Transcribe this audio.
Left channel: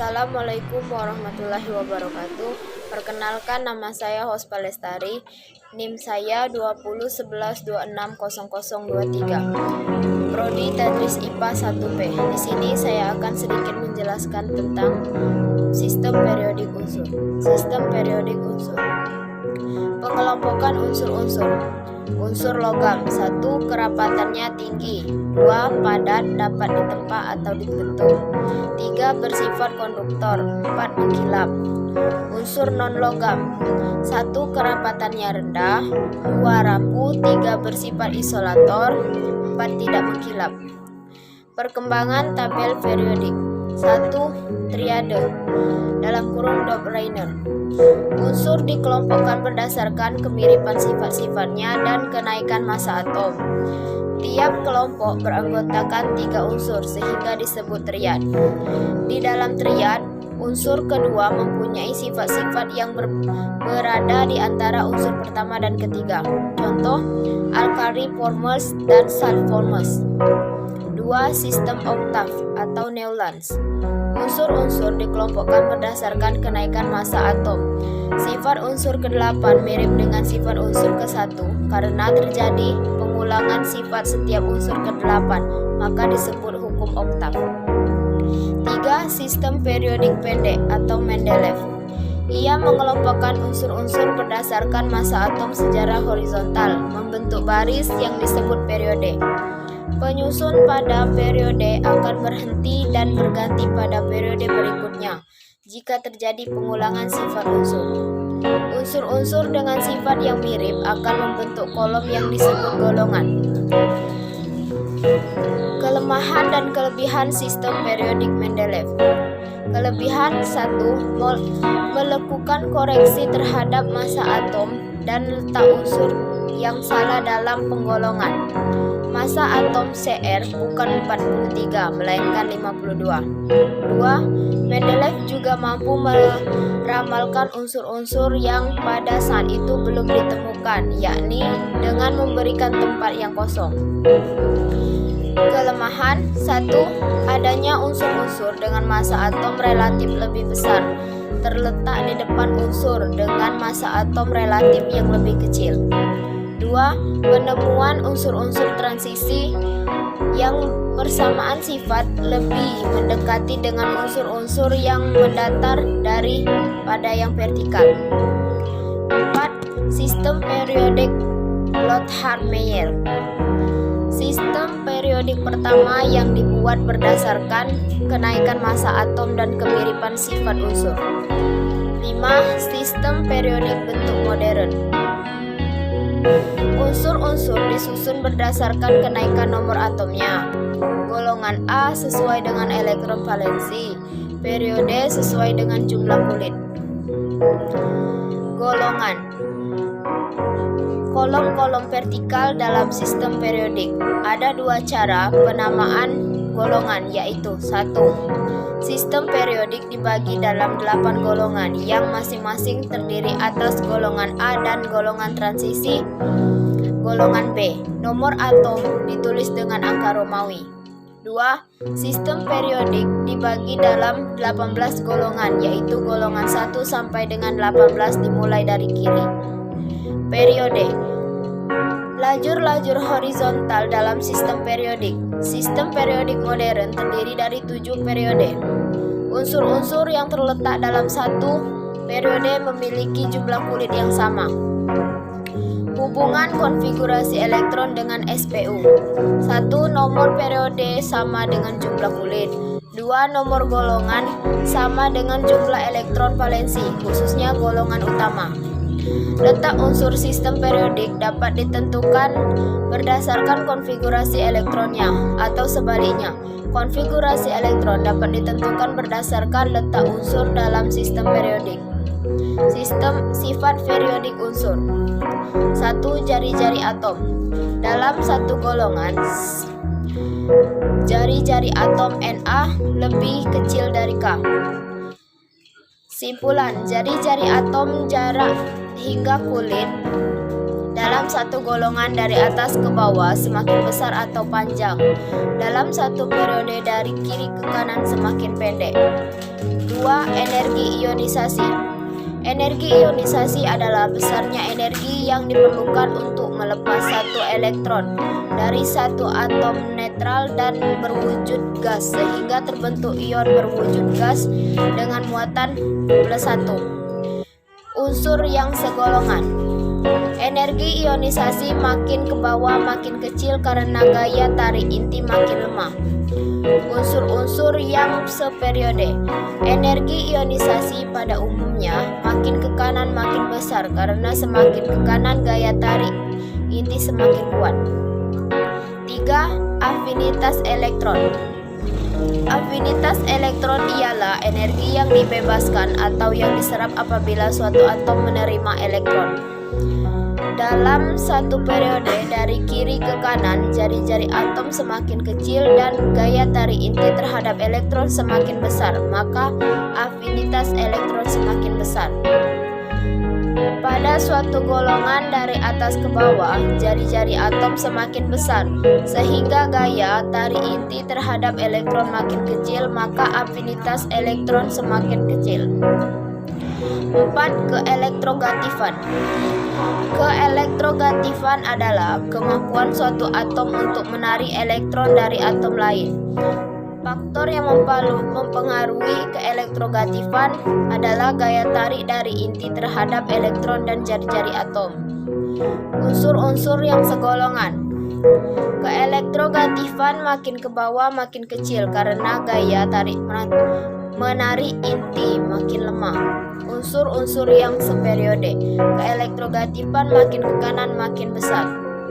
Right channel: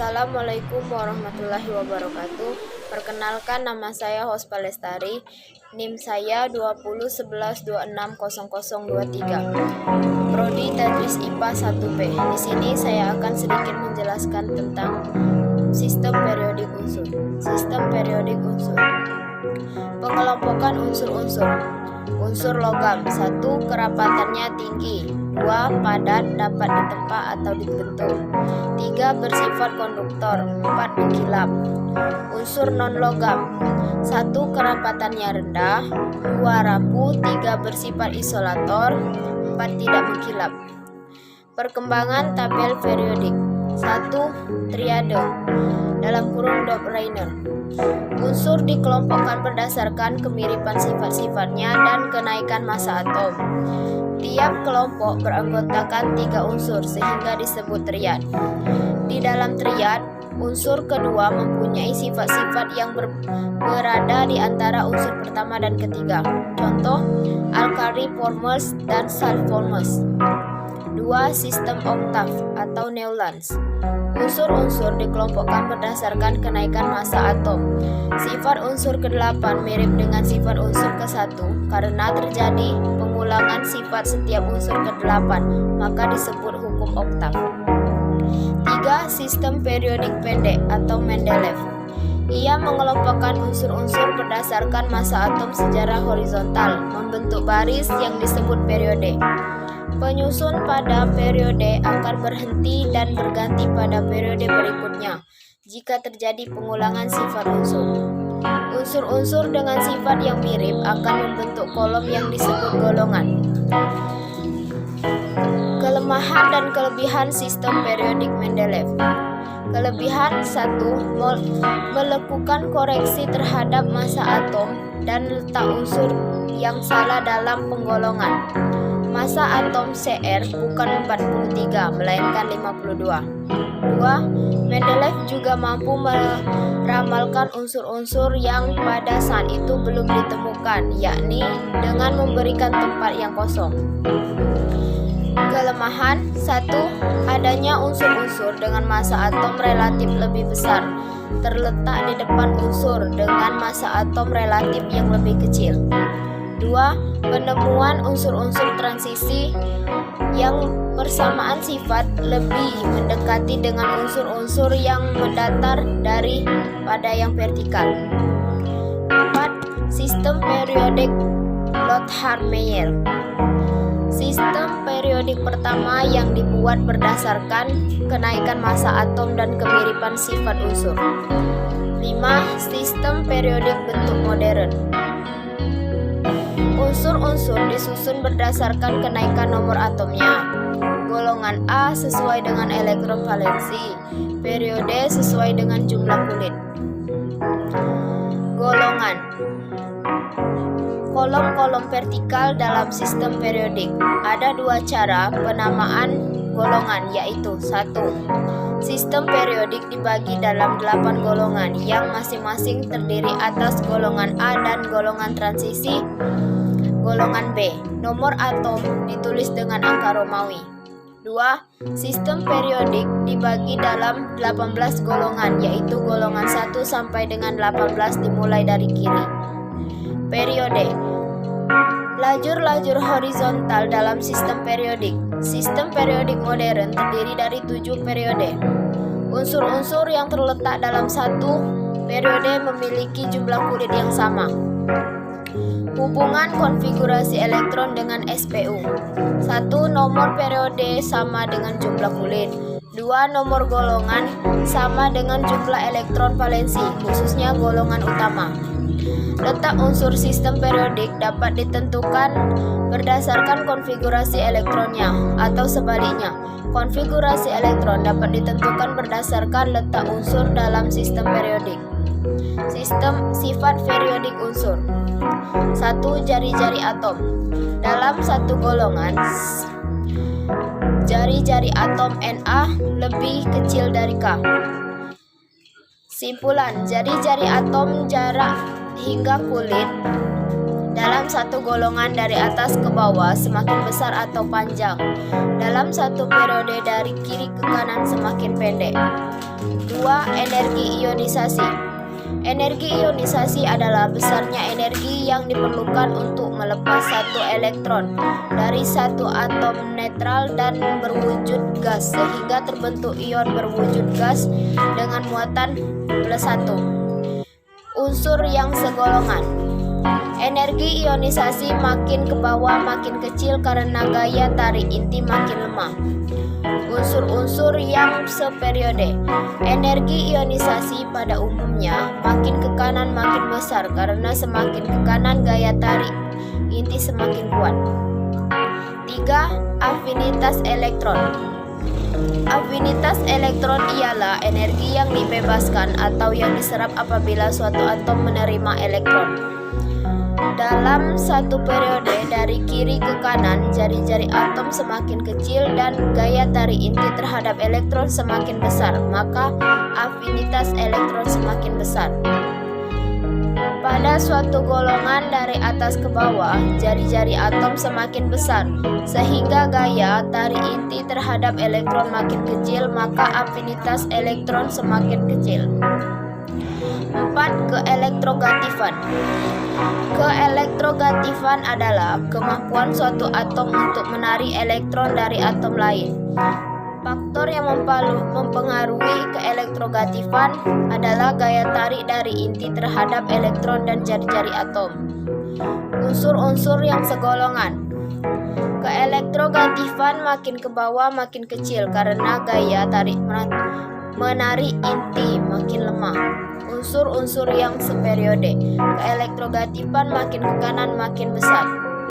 Assalamualaikum warahmatullahi wabarakatuh. Perkenalkan, nama saya Hospa Lestari. NIM saya 2011260023. Prodi Tadris IPA 1P. Di sini saya akan sedikit menjelaskan tentang sistem periodik unsur. Sistem periodik unsur. Pengelompokan unsur-unsur. Unsur logam: 1. Kerapatannya tinggi. 2. Padat, dapat ditempa atau dibentuk. 3. Bersifat konduktor. 4. Mengkilap. Unsur non-logam: 1. Kerapatannya rendah. 2. Rapuh. 3. Bersifat isolator. 4. Tidak mengkilap. Perkembangan tabel periodik. 1. Triade (Dopp-Reiner). Unsur dikelompokkan berdasarkan kemiripan sifat-sifatnya dan kenaikan massa atom. Tiap kelompok beranggotakan 3 unsur sehingga disebut triad. Di dalam triad, unsur kedua mempunyai sifat-sifat yang berada di antara unsur pertama dan ketiga. Contoh, alkaliformes dan sulformes. 2. Sistem oktav atau Newlands. Unsur-unsur dikelompokkan berdasarkan kenaikan massa atom. Sifat unsur ke-8 mirip dengan sifat unsur ke-1 karena terjadi pengulangan sifat setiap unsur ke-8, maka disebut hukum oktav. 3. Sistem periodik pendek atau Mendeleev. Ia mengelompokkan unsur-unsur berdasarkan massa atom secara horizontal, membentuk baris yang disebut periode. Penyusun pada periode akan berhenti dan berganti pada periode berikutnya jika terjadi pengulangan sifat unsur. Unsur-unsur dengan sifat yang mirip akan membentuk kolom yang disebut golongan. Kelemahan dan kelebihan sistem periodik Mendeleev. Kelebihan: 1. Melakukan koreksi terhadap massa atom dan letak unsur yang salah dalam penggolongan. Massa atom Cr bukan 43, melainkan 52. 2. Mendeleev juga mampu meramalkan unsur-unsur yang pada saat itu belum ditemukan, yakni dengan memberikan tempat yang kosong. Kelemahan: 1. Adanya unsur-unsur dengan massa atom relatif lebih besar terletak di depan unsur dengan massa atom relatif yang lebih kecil. 2. Penemuan unsur-unsur transisi yang persamaan sifat lebih mendekati dengan unsur-unsur yang mendatar daripada yang vertikal. 4. Sistem periodik Lothar-Meyer. Sistem periodik pertama yang dibuat berdasarkan kenaikan massa atom dan kemiripan sifat unsur. 5. Sistem periodik bentuk modern. Unsur-unsur disusun berdasarkan kenaikan nomor atomnya. Golongan A sesuai dengan elektron valensi, periode sesuai dengan jumlah kulit. Golongan. Kolom-kolom vertikal dalam sistem periodik. Ada 2 cara penamaan golongan, yaitu: 1. Sistem periodik dibagi dalam 8 golongan yang masing-masing terdiri atas golongan A dan golongan transisi. Golongan B, nomor atom ditulis dengan angka Romawi. 2. Sistem periodik dibagi dalam 18 golongan, yaitu golongan 1 sampai dengan 18 dimulai dari kiri. Periode. Lajur-lajur horizontal dalam sistem periodik. Sistem periodik modern terdiri dari 7 periode. Unsur-unsur yang terletak dalam satu periode memiliki jumlah kulit yang sama. Hubungan konfigurasi elektron dengan SPU. 1. Nomor periode sama dengan jumlah kulit. 2. Nomor golongan sama dengan jumlah elektron valensi, khususnya golongan utama. Letak unsur sistem periodik dapat ditentukan berdasarkan konfigurasi elektronnya, atau sebaliknya, konfigurasi elektron dapat ditentukan berdasarkan letak unsur dalam sistem periodik. Sistem sifat periodik unsur. 1. Jari-jari atom. Dalam satu golongan, jari-jari atom Na lebih kecil dari K. Simpulan: jari-jari atom jarak hingga kulit dalam satu golongan dari atas ke bawah semakin besar atau panjang, dalam satu periode dari kiri ke kanan semakin pendek. 2. Energi ionisasi. Energi ionisasi adalah besarnya energi yang diperlukan untuk melepas satu elektron dari satu atom netral dan berwujud gas sehingga terbentuk ion berwujud gas dengan muatan +1. Unsur yang segolongan. Energi ionisasi makin ke bawah makin kecil karena gaya tarik inti makin lemah. Unsur-unsur yang seperiode. Energi ionisasi pada umumnya makin ke kanan makin besar karena semakin ke kanan gaya tarik inti semakin kuat. 3. Afinitas elektron. Afinitas elektron ialah energi yang dibebaskan atau yang diserap apabila suatu atom menerima elektron. Dalam satu periode dari kiri ke kanan, jari-jari atom semakin kecil dan gaya tarik inti terhadap elektron semakin besar, maka afinitas elektron semakin besar. Pada suatu golongan dari atas ke bawah, jari-jari atom semakin besar, sehingga gaya tarik inti terhadap elektron makin kecil, maka afinitas elektron semakin kecil. 4. Keelektrogatifan. Keelektrogatifan adalah kemampuan suatu atom untuk menarik elektron dari atom lain. Faktor yang mempengaruhi keelektrogatifan adalah gaya tarik dari inti terhadap elektron dan jari-jari atom. Unsur-unsur yang segolongan. Keelektrogatifan makin ke bawah makin kecil karena gaya tarik menarik inti makin lemah. Unsur-unsur yang seperiode. Keelektrogatifan makin ke kanan makin besar.